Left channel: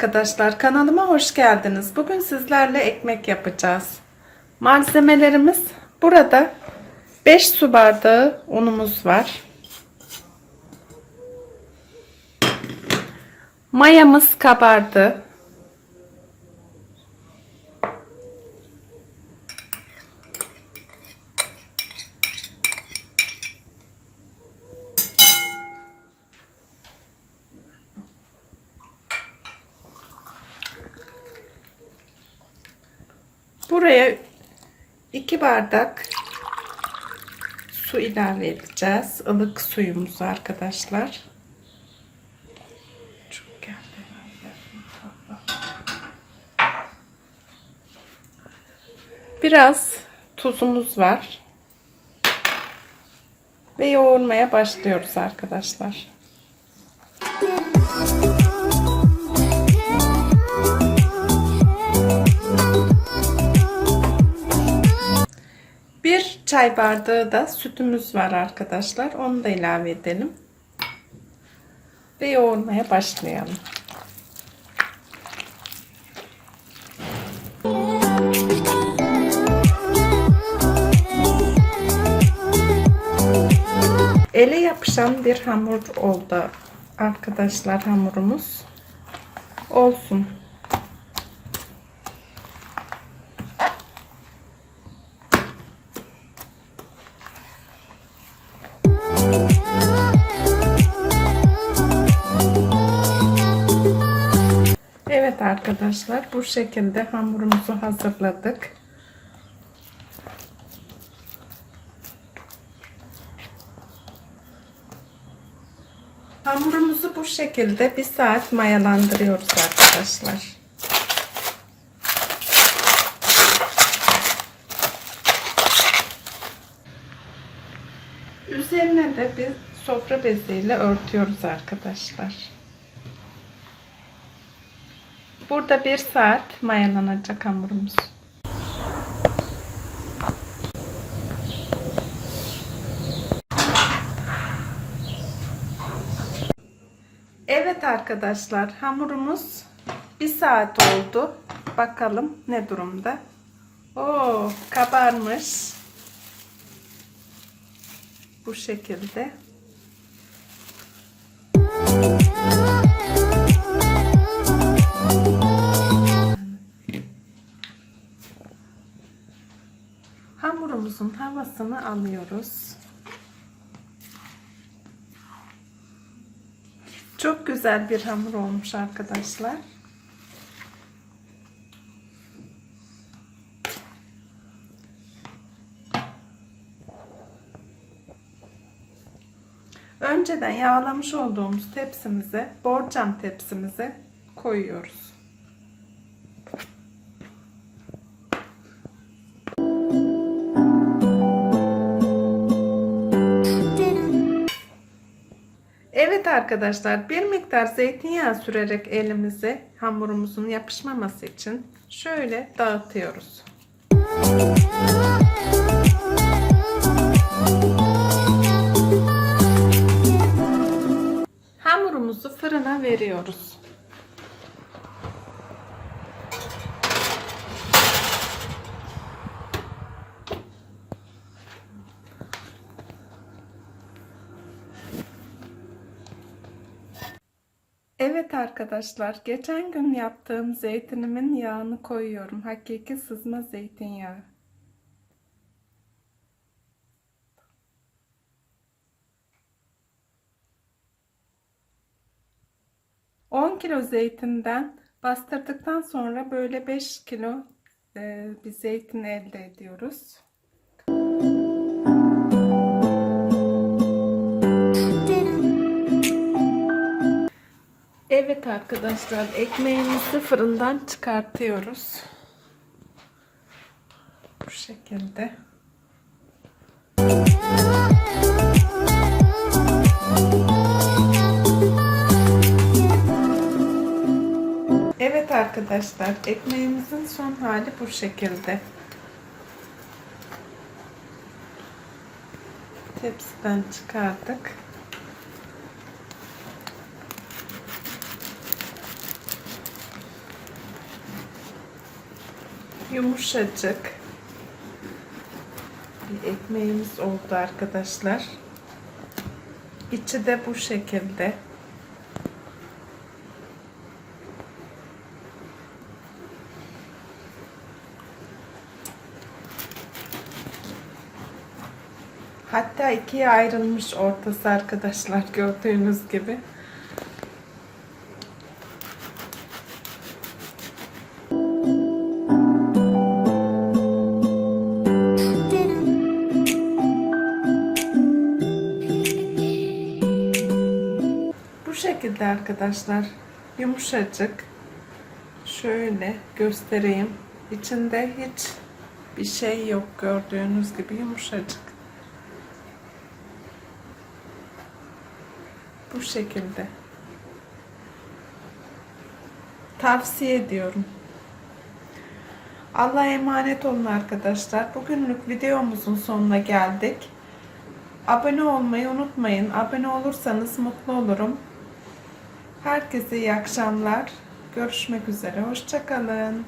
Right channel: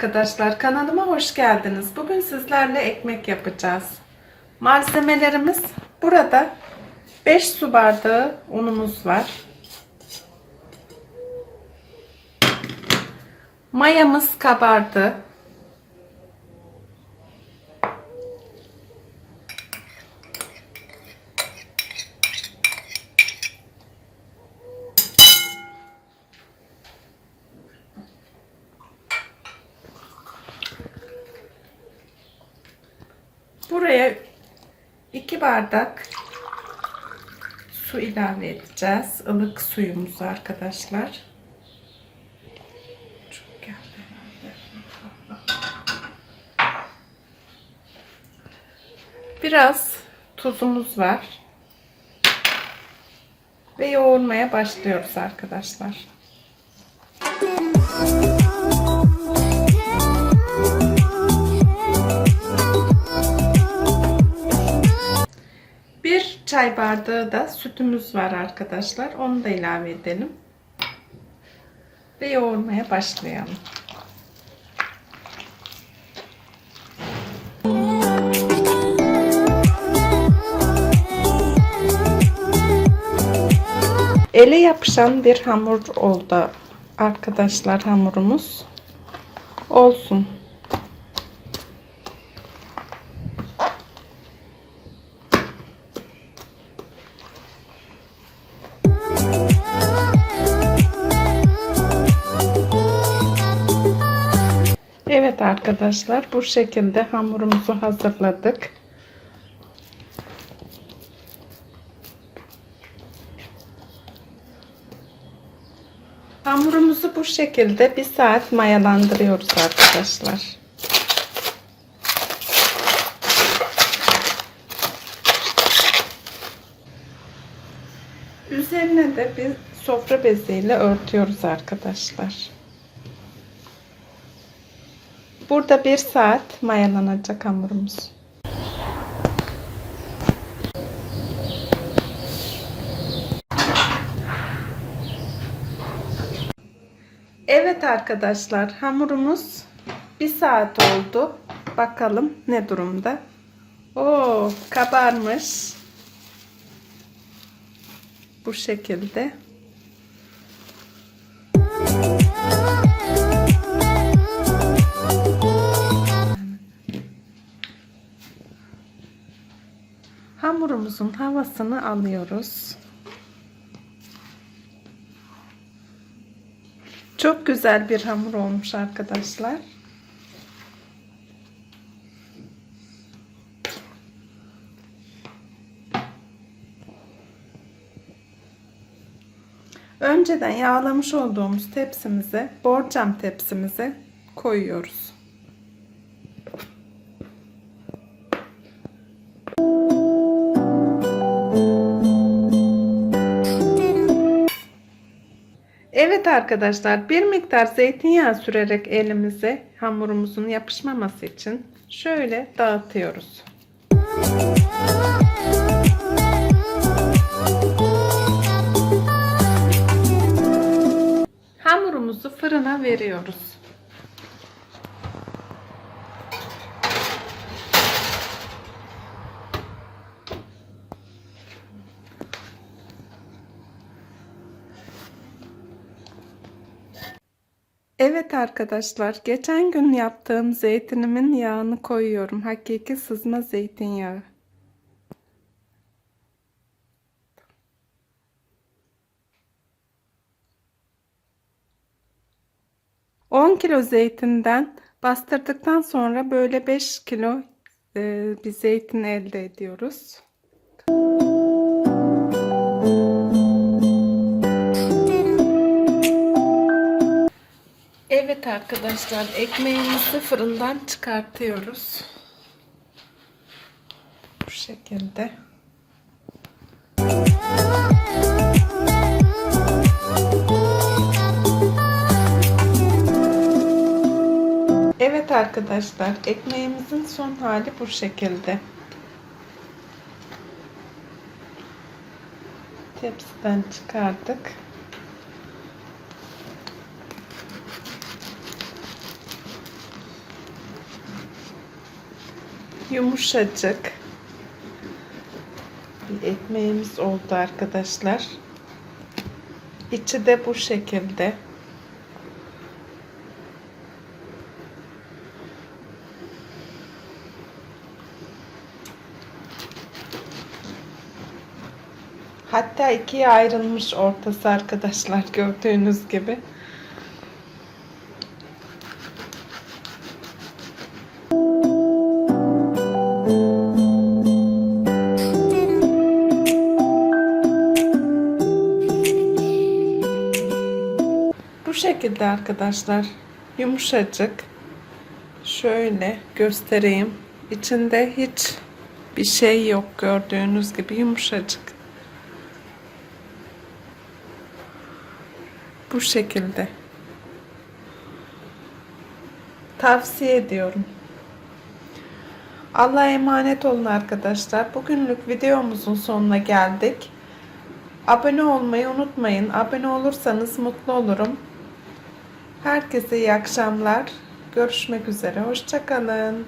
Arkadaşlar, kanalıma hoş geldiniz. Bugün sizlerle ekmek yapacağız. Malzemelerimiz burada 5 su bardağı unumuz var. Mayamız kabardı. Buraya 2 bardak su ilave edeceğiz. Ilık suyumuzu arkadaşlar. Biraz tuzumuz var. Ve yoğurmaya başlıyoruz arkadaşlar. Çay bardağı da sütümüz var arkadaşlar. Onu da ilave edelim. Ve yoğurmaya başlayalım. Ele yapışan bir hamur oldu arkadaşlar hamurumuz. Olsun. Evet arkadaşlar bu şekilde hamurumuzu hazırladık. Hamurumuzu bu şekilde bir saat mayalandırıyoruz arkadaşlar. Üzerine de bir sofra beziyle örtüyoruz arkadaşlar. Burada bir saat mayalanacak hamurumuz. Evet arkadaşlar hamurumuz bir saat oldu. Bakalım ne durumda. Oo kabarmış. Bu şekilde. Hamurumuzun havasını alıyoruz. Çok güzel bir hamur olmuş arkadaşlar. Önceden yağlamış olduğumuz tepsimize, borcam tepsimize koyuyoruz. Evet arkadaşlar bir miktar zeytinyağı sürerek elimize hamurumuzun yapışmaması için şöyle dağıtıyoruz. Hamurumuzu fırına veriyoruz. Evet arkadaşlar, geçen gün yaptığım zeytinimin yağını koyuyorum. Hakiki sızma zeytinyağı. On kilo zeytinden bastırdıktan sonra böyle 5 kilo e, bir zeytin elde ediyoruz. Evet arkadaşlar ekmeğimizi fırından çıkartıyoruz. Bu şekilde. arkadaşlar ekmeğimizin son hali bu şekilde. Tepsiden çıkardık. Yumuşacık bir ekmeğimiz oldu arkadaşlar. İçi de bu şekilde. Hatta ikiye ayrılmış ortası arkadaşlar gördüğünüz gibi. Bu şekilde arkadaşlar yumuşacık. Şöyle göstereyim. İçinde hiç bir şey yok gördüğünüz gibi yumuşacık. Bu şekilde. Tavsiye ediyorum. Allah'a emanet olun arkadaşlar. Bugünlük videomuzun sonuna geldik. Abone olmayı unutmayın. Abone olursanız mutlu olurum. Herkese iyi akşamlar. Görüşmek üzere. Hoşçakalın.